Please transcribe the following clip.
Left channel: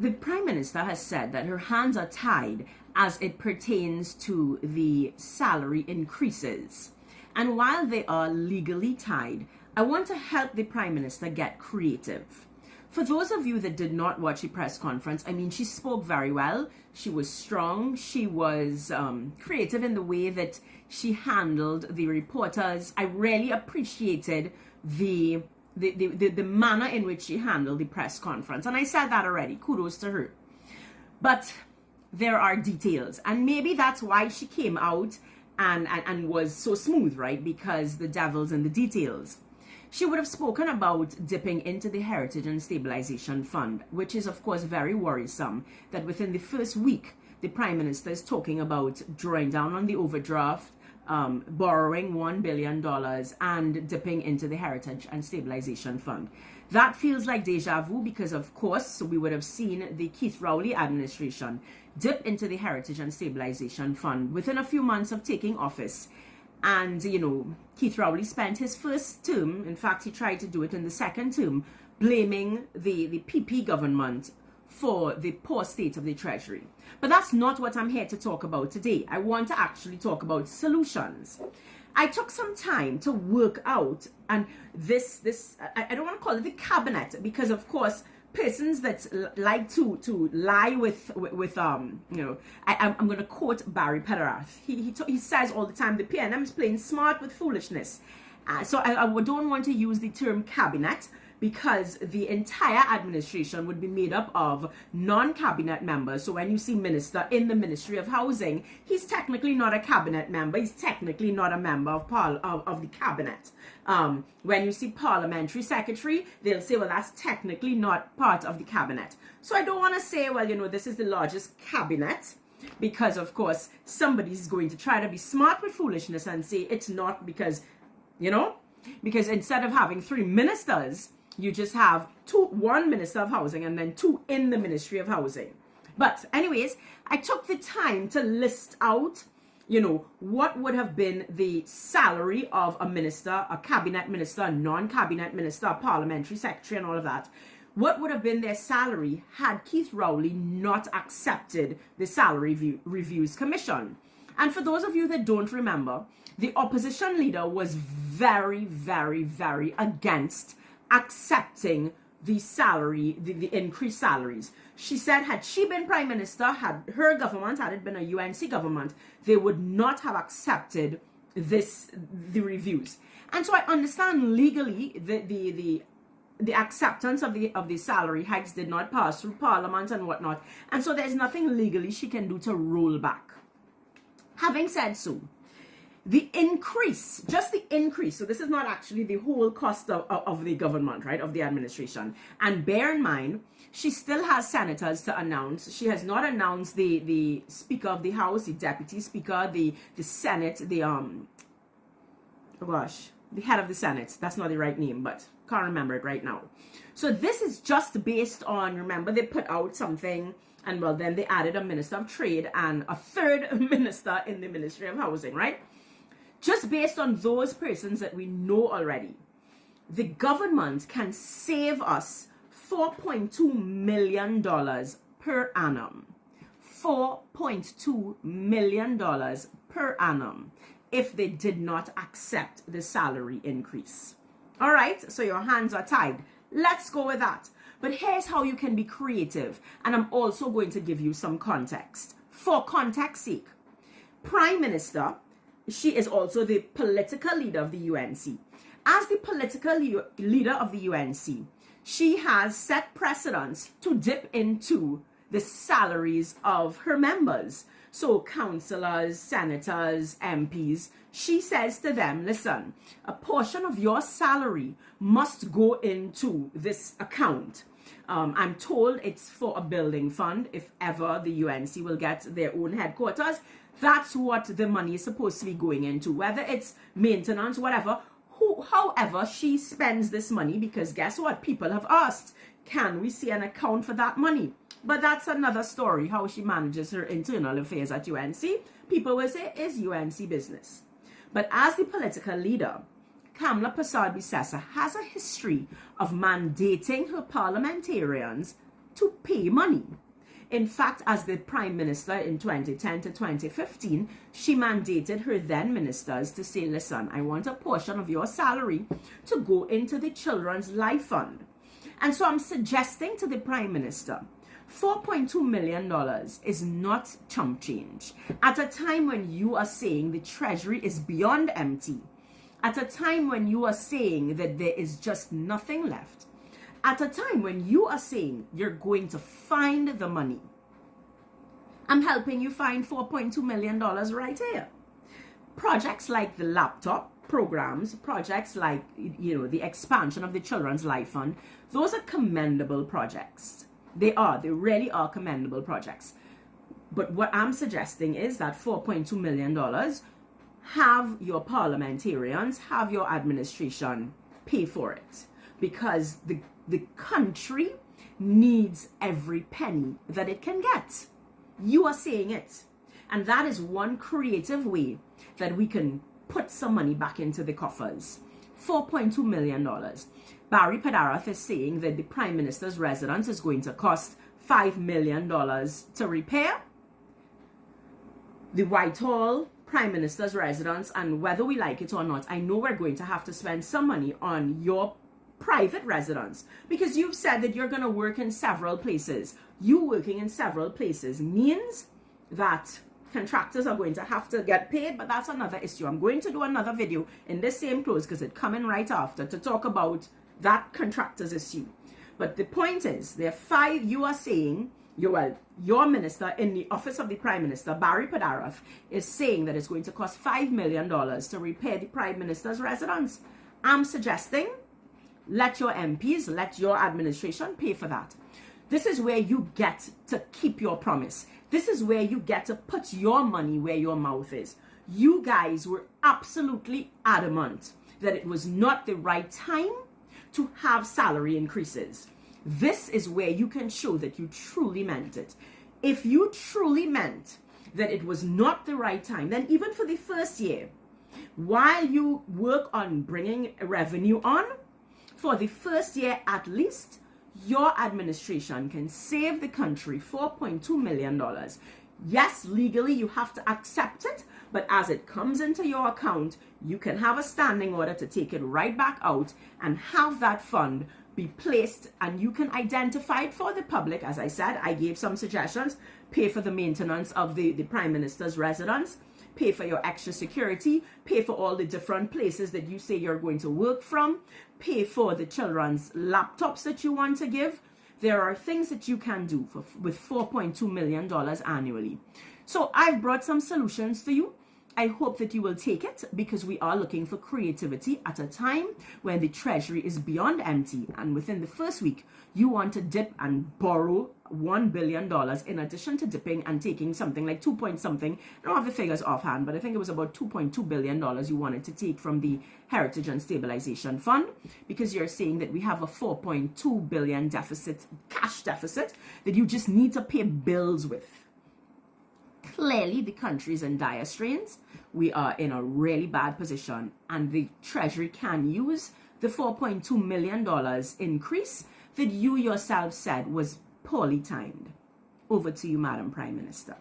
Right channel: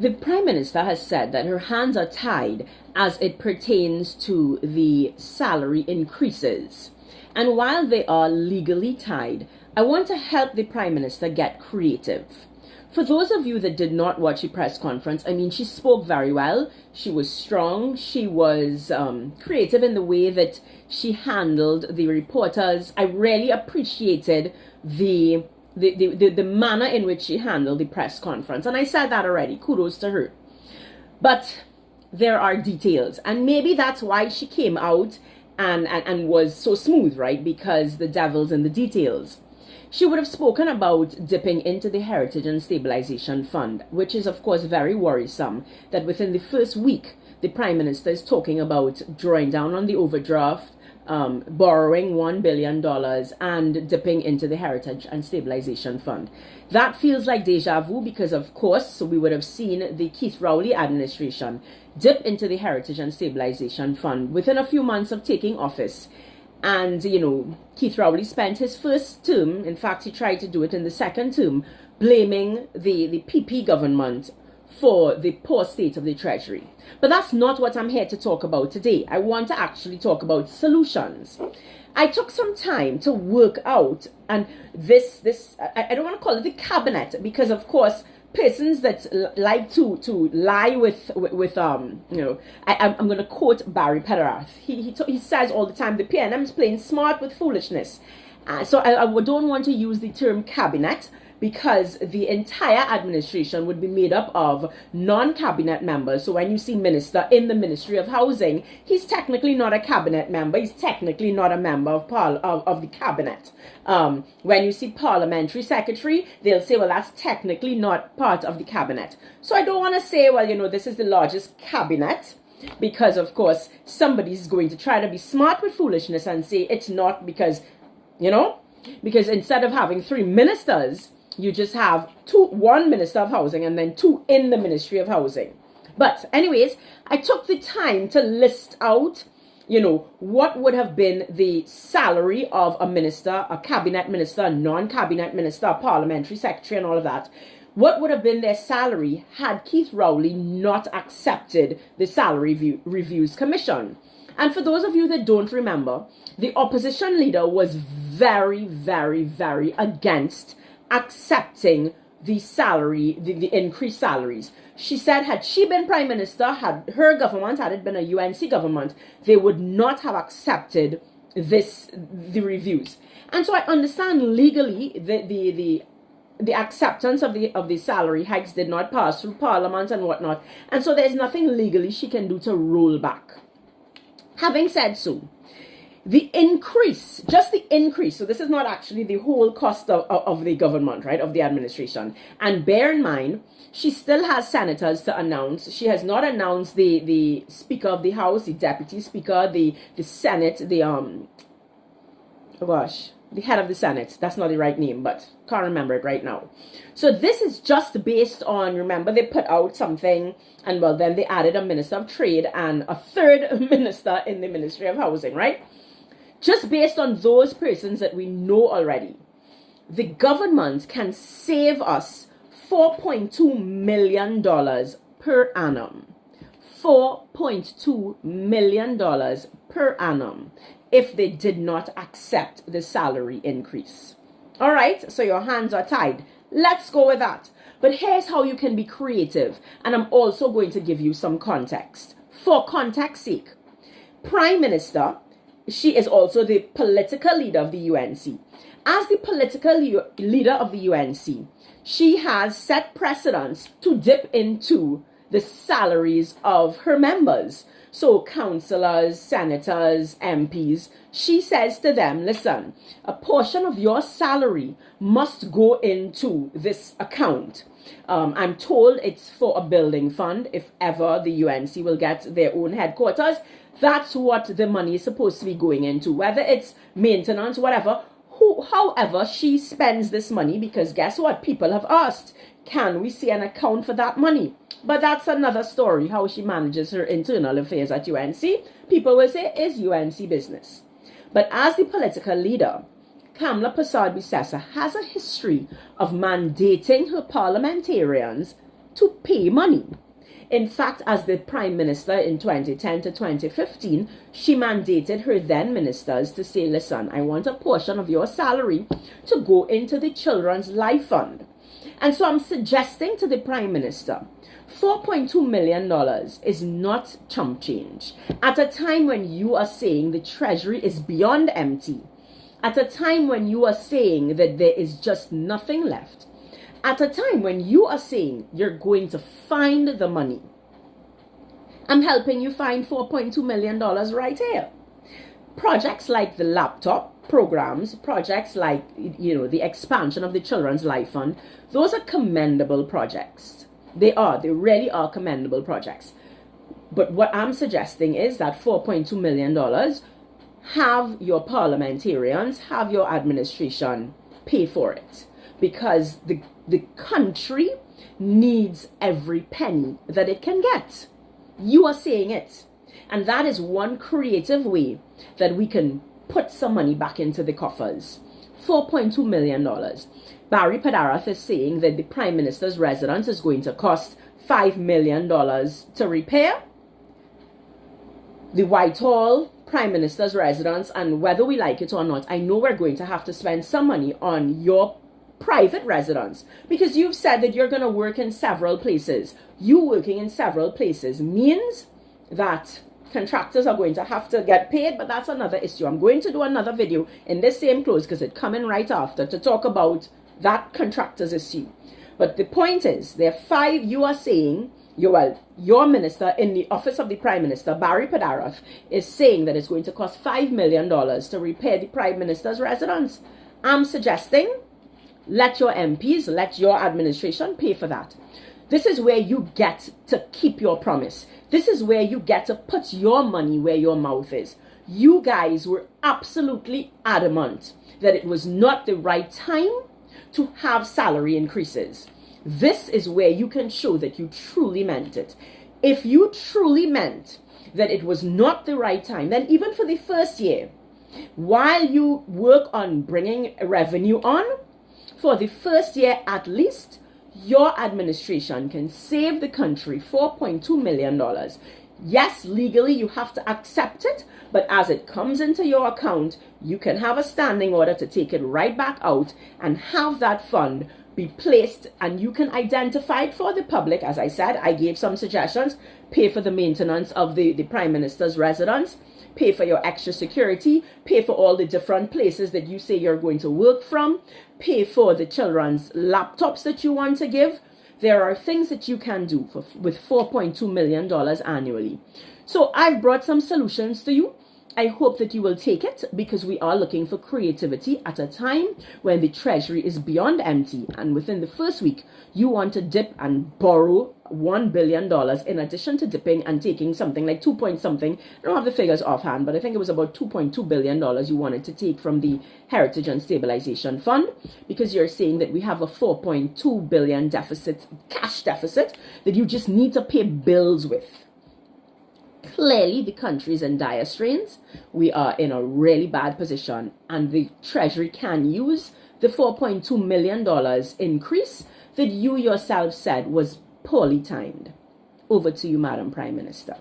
The Prime Minister has said that her hands are tied as it pertains to the salary increases. And while they are legally tied, I want to help the Prime Minister get creative. For those of you that did not watch the press conference, I mean, she spoke very well. She was strong. She was creative in the way that she handled the reporters. I really appreciated the manner in which she handled the press conference. And I said that already. Kudos to her. But there are details. And maybe that's why she came out and was so smooth, right? Because the devil's in the details. She would have spoken about dipping into the Heritage and Stabilization Fund, which is, of course, very worrisome that within the first week, the Prime Minister is talking about drawing down on the overdraft, borrowing $1 billion and dipping into the Heritage and Stabilization Fund. That feels like deja vu because, of course, we would have seen the Keith Rowley administration dip into the Heritage and Stabilization Fund within a few months of taking office. And, you know, Keith Rowley spent his first term, in fact, he tried to do it in the second term, blaming the PP government for the poor state of the Treasury. But that's not what I'm here to talk about today. I want to actually talk about solutions. I took some time to work out, and I don't want to call it the cabinet, because, of course, persons that like to lie with I'm going to quote Barry Pederath. He says all the time, the PNM is playing smart with foolishness. So I don't want to use the term cabinet, because the entire administration would be made up of non-cabinet members. So when you see minister in the Ministry of Housing, he's technically not a cabinet member. He's technically not a member of the cabinet. When you see parliamentary secretary, they'll say, well, that's technically not part of the cabinet. So I don't want to say, well, you know, this is the largest cabinet, because, of course, somebody's going to try to be smart with foolishness and say it's not, because, you know, because instead of having 3 ministers, you just have one minister of housing and then 2 in the Ministry of Housing. But anyways, I took the time to list out, you know, what would have been the salary of a minister, a cabinet minister, a non-cabinet minister, a parliamentary secretary, and all of that. What would have been their salary had Keith Rowley not accepted the Salary Reviews Commission? And for those of you that don't remember, the opposition leader was very, very, very against accepting the salary, the increased salaries. She said had she been prime minister, had her government, had it been a UNC government, they would not have accepted the reviews. And so I understand legally the acceptance of the salary hikes did not pass through parliament and whatnot. And so there's nothing legally she can do to roll back. Having said so, the increase, just the increase, so this is not actually the whole cost of the government, right, of the administration. And bear in mind, she still has senators to announce. She has not announced the Speaker of the House, the Deputy Speaker, the Senate, the head of the Senate. That's not the right name, but can't remember it right now. So this is just based on, remember, they put out something, and well, then they added a Minister of Trade and a third minister in the Ministry of Housing, right? Just based on those persons that we know already, the government can save us $4.2 million per annum. $4.2 million per annum if they did not accept the salary increase. All right, so your hands are tied. Let's go with that. But here's how you can be creative. And I'm also going to give you some context. For context sake, Prime Minister, she is also the political leader of the UNC. As the political leader of the UNC, she has set precedents to dip into the salaries of her members. So councillors, senators, MPs, she says to them, listen, a portion of your salary must go into this account. I'm told it's for a building fund. If ever the UNC will get their own headquarters, that's what the money is supposed to be going into, whether it's maintenance, whatever. However, she spends this money, because guess what? People have asked, can we see an account for that money? But that's another story, how she manages her internal affairs at UNC. People will say, it's UNC business. But as the political leader, Kamla Persad-Bissessar has a history of mandating her parliamentarians to pay money. In fact, as the Prime Minister in 2010 to 2015, she mandated her then ministers to say, listen, I want a portion of your salary to go into the Children's Life Fund. And so I'm suggesting to the Prime Minister, $4.2 million is not chump change. At a time when you are saying the Treasury is beyond empty, at a time when you are saying that there is just nothing left, at a time when you are saying you're going to find the money, I'm helping you find $4.2 million right here. Projects like the laptop programs, projects like, the expansion of the Children's Life Fund, those are commendable projects. They really are commendable projects. But what I'm suggesting is that $4.2 million, have your parliamentarians, have your administration pay for it. Because the country needs every penny that it can get. You are saying it. And that is one creative way that we can put some money back into the coffers. $4.2 million. Barry Padarath is saying that the Prime Minister's residence is going to cost $5 million to repair. The Whitehall Prime Minister's residence, and whether we like it or not, I know we're going to have to spend some money on your private residence, because you've said that you're going to work in several places. You working in several places means that contractors are going to have to get paid, but that's another issue. I'm going to do another video in this same close because it's coming right after to talk about that contractors issue. But the point is, there are 5, you are saying, your minister in the office of the Prime Minister, Barry Padarath, is saying that it's going to cost $5 million to repair the Prime Minister's residence. I'm suggesting, let your MPs, let your administration pay for that. This is where you get to keep your promise. This is where you get to put your money where your mouth is. You guys were absolutely adamant that it was not the right time to have salary increases. This is where you can show that you truly meant it. If you truly meant that it was not the right time, then even for the first year, while you work on bringing revenue on, for the first year at least, your administration can save the country $4.2 million. Yes, legally you have to accept it, but as it comes into your account, you can have a standing order to take it right back out and have that fund be placed, and you can identify it for the public. As I said, I gave some suggestions. Pay for the maintenance of the Prime Minister's residence, pay for your extra security, pay for all the different places that you say you're going to work from, pay for the children's laptops that you want to give. There are things that you can do with $4.2 million annually. So I've brought some solutions to you. I hope that you will take it, because we are looking for creativity at a time when the Treasury is beyond empty. And within the first week, you want to dip and borrow $1 billion in addition to dipping and taking something like 2 point something. I don't have the figures offhand, but I think it was about $2.2 billion you wanted to take from the Heritage and Stabilization Fund, because you're saying that we have a $4.2 billion deficit, cash deficit, that you just need to pay bills with. Clearly, the country is in dire straits. We are in a really bad position, and the Treasury can use the $4.2 million increase that you yourself said was poorly timed. Over to you, Madam Prime Minister.